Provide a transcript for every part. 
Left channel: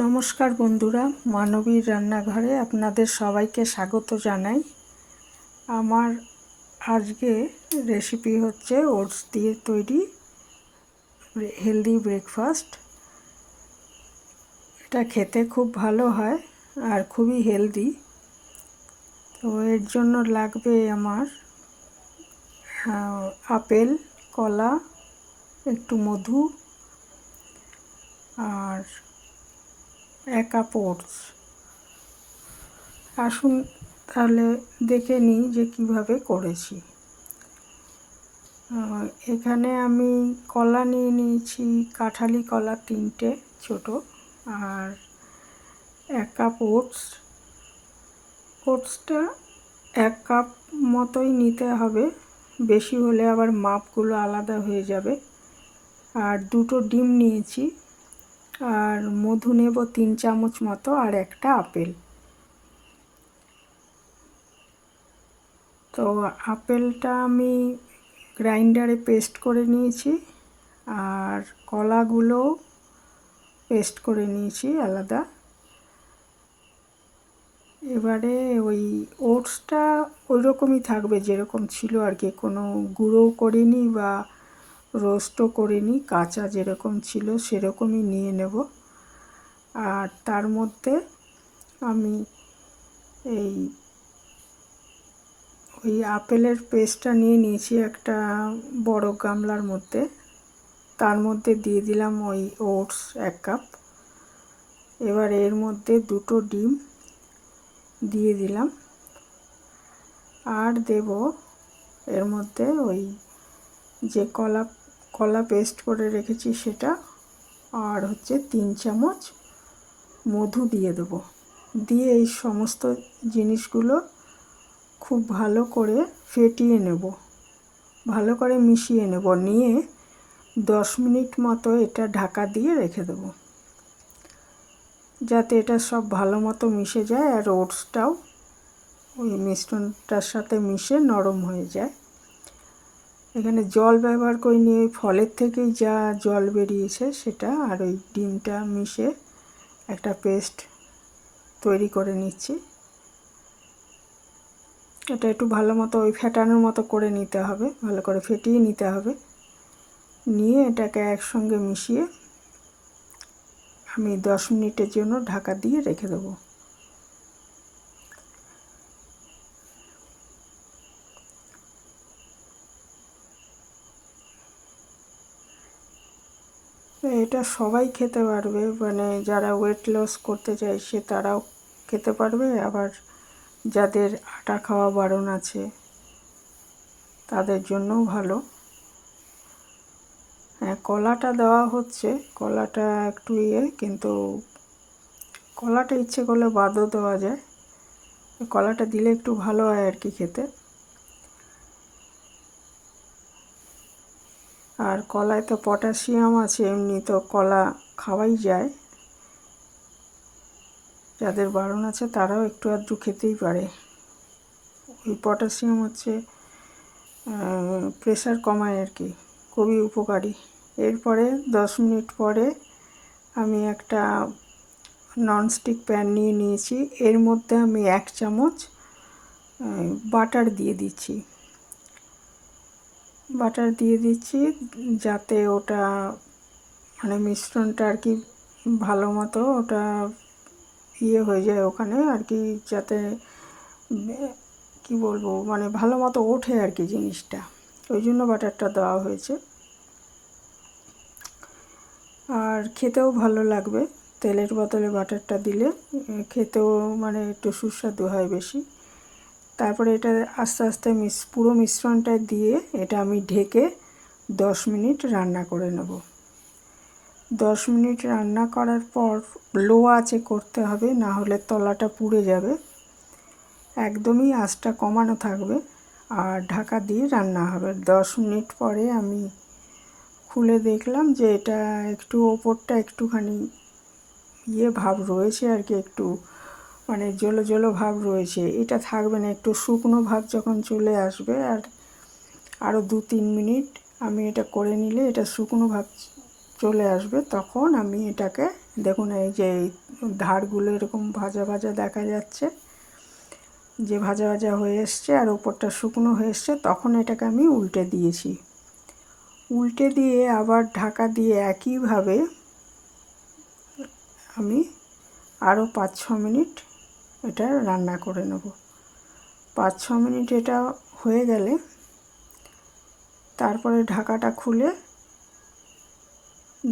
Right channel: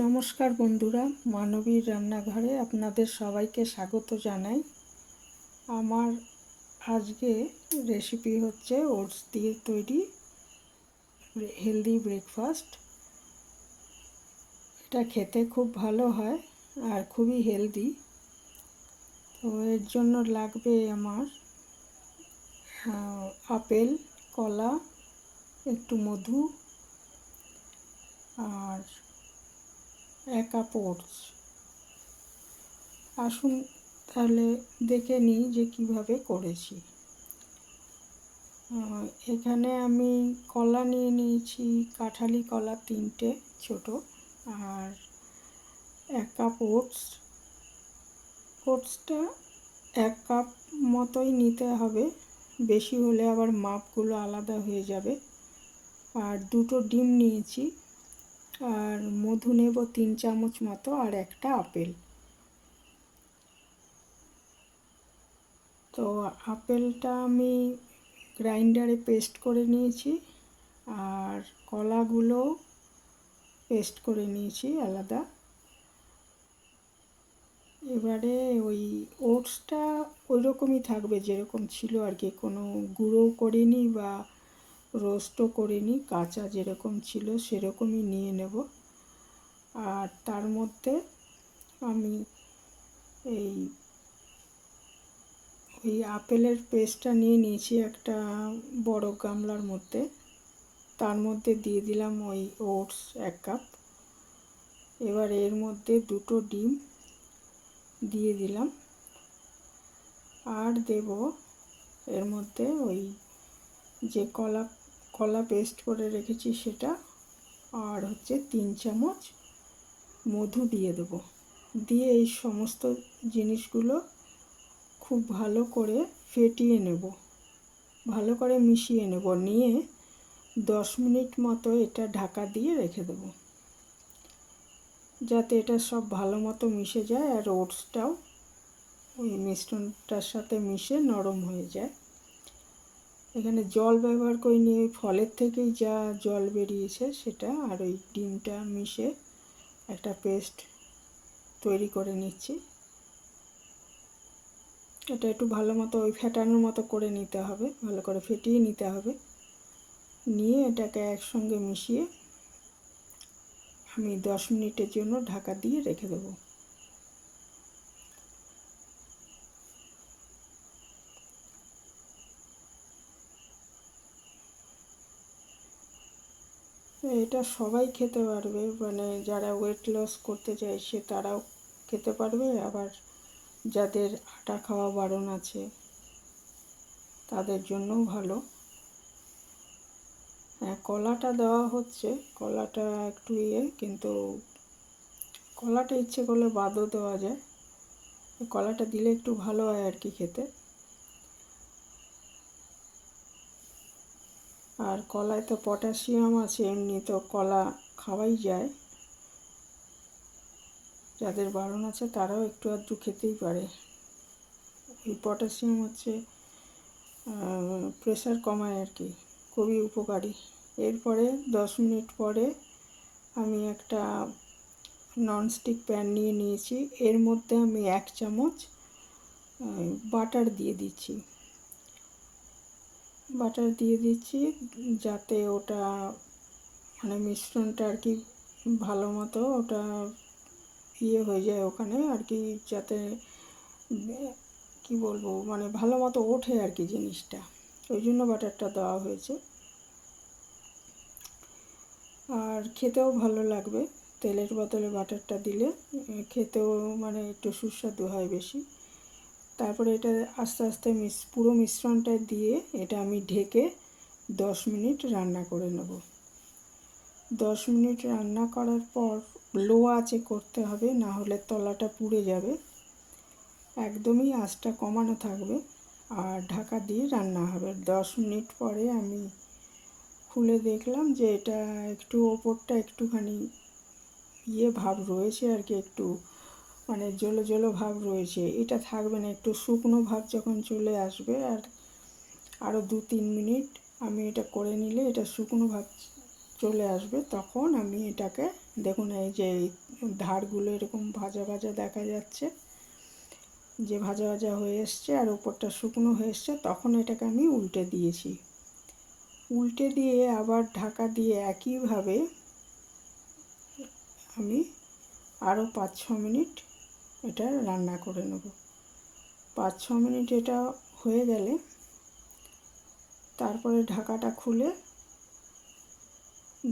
নমস্কার বন্ধুরা, মানবীর রান্নাঘরে আপনাদের সবাইকে স্বাগত জানাই। আমার আজকে রেসিপি হচ্ছে ওটস দিয়ে তৈরি হেলদি ব্রেকফাস্ট। এটা খেতে খুব ভালো হয় আর খুবই হেলদি। তো এর জন্য লাগবে আমার আপেল, কলা, একটু মধু আর 1 কাপ ওটস। আসুন তাহলে দেখে নিই যে কিভাবে করেছি। এখানে আমি কলা নিয়ে নিয়েছি, কাঁঠালি কলা 3টে ছোটো, আর 1 কাপ ওটস। ওটসটা 1 কাপ মতোই নিতে হবে, বেশি হলে আবার মাপগুলো আলাদা হয়ে যাবে। আর 2টো ডিম নিয়েছি, আর মধু নেব 3 চামচ মতো, আর একটা আপেল। তো আপেলটা আমি গ্রাইন্ডারে পেস্ট করে নিয়েছি, আর কলাগুলো পেস্ট করে নিয়েছি আলাদা। এবারে ওই ওটসটা ওই রকমই থাকবে যেরকম ছিল আর কি, কোনো গুঁড়োও করিনি বা রোস্টও করিনি, কাঁচা যেরকম ছিল সেরকমই নিয়ে নেব। আর তার মধ্যে আমি ওই আপেলের পেস্টটা নিয়ে নিয়েছি একটা বড় গামলার মধ্যে, তার মধ্যে দিয়ে দিলাম ওই ওটস 1 কাপ। এবার এর মধ্যে 2টো ডিম দিয়ে দিলাম, আর দেব এর মধ্যে ওই যে কলা পেস্ট করে রেখেছি সেটা, আর হচ্ছে 3 চামচ মধু দিয়ে দেবো। দিয়ে এই সমস্ত জিনিসগুলো খুব ভালো করে ফেটিয়ে নেব, ভালো করে মিশিয়ে নেব। নিয়ে 10 মিনিট মতো এটা ঢাকা দিয়ে রেখে দেব, যাতে এটা সব ভালো মতো মিশে যায় আর ওটসটাও ওই মিশ্রণটার সাথে মিশে নরম হয়ে যায়। এখানে জল ব্যবহার করে নিয়ে ওই ফলের থেকেই যা জল বেরিয়েছে সেটা আর ওই ডিমটা মিশে একটা পেস্ট তৈরি করে নিচ্ছি। এটা একটু ভালো মতো ওই ফেটানোর মতো করে নিতে হবে, ভালো করে ফেটিয়ে নিতে হবে। নিয়ে এটাকে একসঙ্গে মিশিয়ে আমি 10 মিনিটের জন্য ঢাকা দিয়ে রেখে দেবো। এটা সবাই খেতে পারবে, মানে যারা ওয়েট লস করতে চাইছে তারাও খেতে পারবে, আবার যাদের আটা খাওয়া বারণ আছে তাদের জন্যও ভালো। হ্যাঁ, কলাটা দেওয়া হচ্ছে, কলাটা একটু কিন্তু কলাটা ইচ্ছে করলে বাদও দেওয়া যায়, কলাটা দিলে একটু ভালো হয় আর কি খেতে। আর কলায় তো পটাশিয়াম আছে, এমনি তো কলা খাওয়াই যায়, যাদের বারণ আছে তারাও একটু আধটু খেতেই পারে। ওই পটাশিয়াম হচ্ছে প্রেশার কমায় আর কি, খুবই উপকারী। এরপরে 10 মিনিট পরে আমি একটা ননস্টিক প্যান নিয়ে নিয়েছি, এর মধ্যে আমি 1 চামচ বাটার দিয়ে দিচ্ছি। বাটার দিয়ে দিচ্ছি যাতে ওটা মানে মিশ্রণটা আর কি ভালো মতো ওটা হয়ে যায় ওখানে আর কি, যাতে কি বলবো মানে ভালো মতো ওঠে আর কি জিনিসটা, ওই জন্য বাটারটা দেওয়া হয়েছে। আর খেতেও ভালো লাগবে, তেলের বদলে বাটারটা দিলে খেতেও মানে একটু সুস্বাদু হয় বেশি। তারপরে এটা আস্তে আস্তে পুরো মিশ্রণটা দিয়ে এটা আমি ঢেকে 10 মিনিট রান্না করে নেব। 10 মিনিট রান্না করার পর লো আঁচে করতে হবে, না হলে তলাটা পুড়ে যাবে। একদমই আঁচটা কমানো থাকবে আর ঢাকা দিয়ে রান্না হবে। 10 মিনিট পরে আমি খুলে দেখলাম যে এটা একটু ওপরটা একটুখানি ভাব রয়েছে আর কি, একটু মানে জলো জলো ভাব রয়েছে, এটা থাকবে না, একটু শুকনো ভাব যখন চলে আসবে আর আরও 2-3 মিনিট আমি এটা করে নিলে এটা শুকনো ভাব চলে আসবে, তখন আমি এটাকে দেখুন এই যে ধারগুলো এরকম ভাজা ভাজা দেখা যাচ্ছে, যে ভাজা ভাজা হয়ে এসছে আর ওপরটা শুকনো হয়ে এসছে, তখন এটাকে আমি উল্টে দিয়েছি। উল্টে দিয়ে আবার ঢাকা দিয়ে একইভাবে আমি আরও 5-6 মিনিট এটা রান্না করে নেব। 5-6 মিনিট এটা হয়ে গেলে তারপরে ঢাকাটা খুলে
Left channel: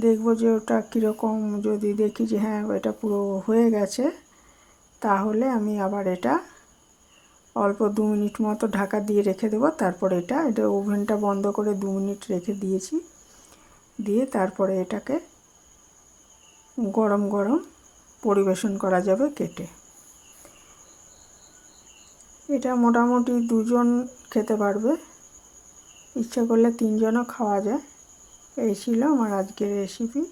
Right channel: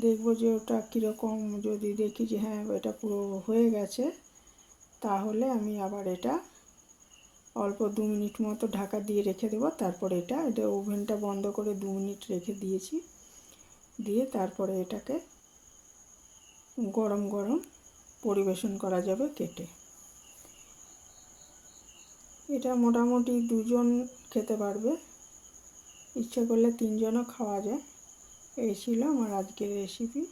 দেখব যে ওটা কীরকম। যদি দেখি যে হ্যাঁ এটা পুরো হয়ে গেছে, তাহলে আমি আবার এটা অল্প 2 মিনিট মতো ঢাকা দিয়ে রেখে দেবো। তারপর এটা ওভেনটা বন্ধ করে 2 মিনিট রেখে দিয়েছি। দিয়ে তারপরে এটাকে গরম গরম পরিবেশন করা যাবে কেটে। এটা মোটামুটি 2 জন খেতে পারবে, ইচ্ছে করলে 3 জনও খাওয়া যায়। এই ছিল আমার আজকের রেসিপি।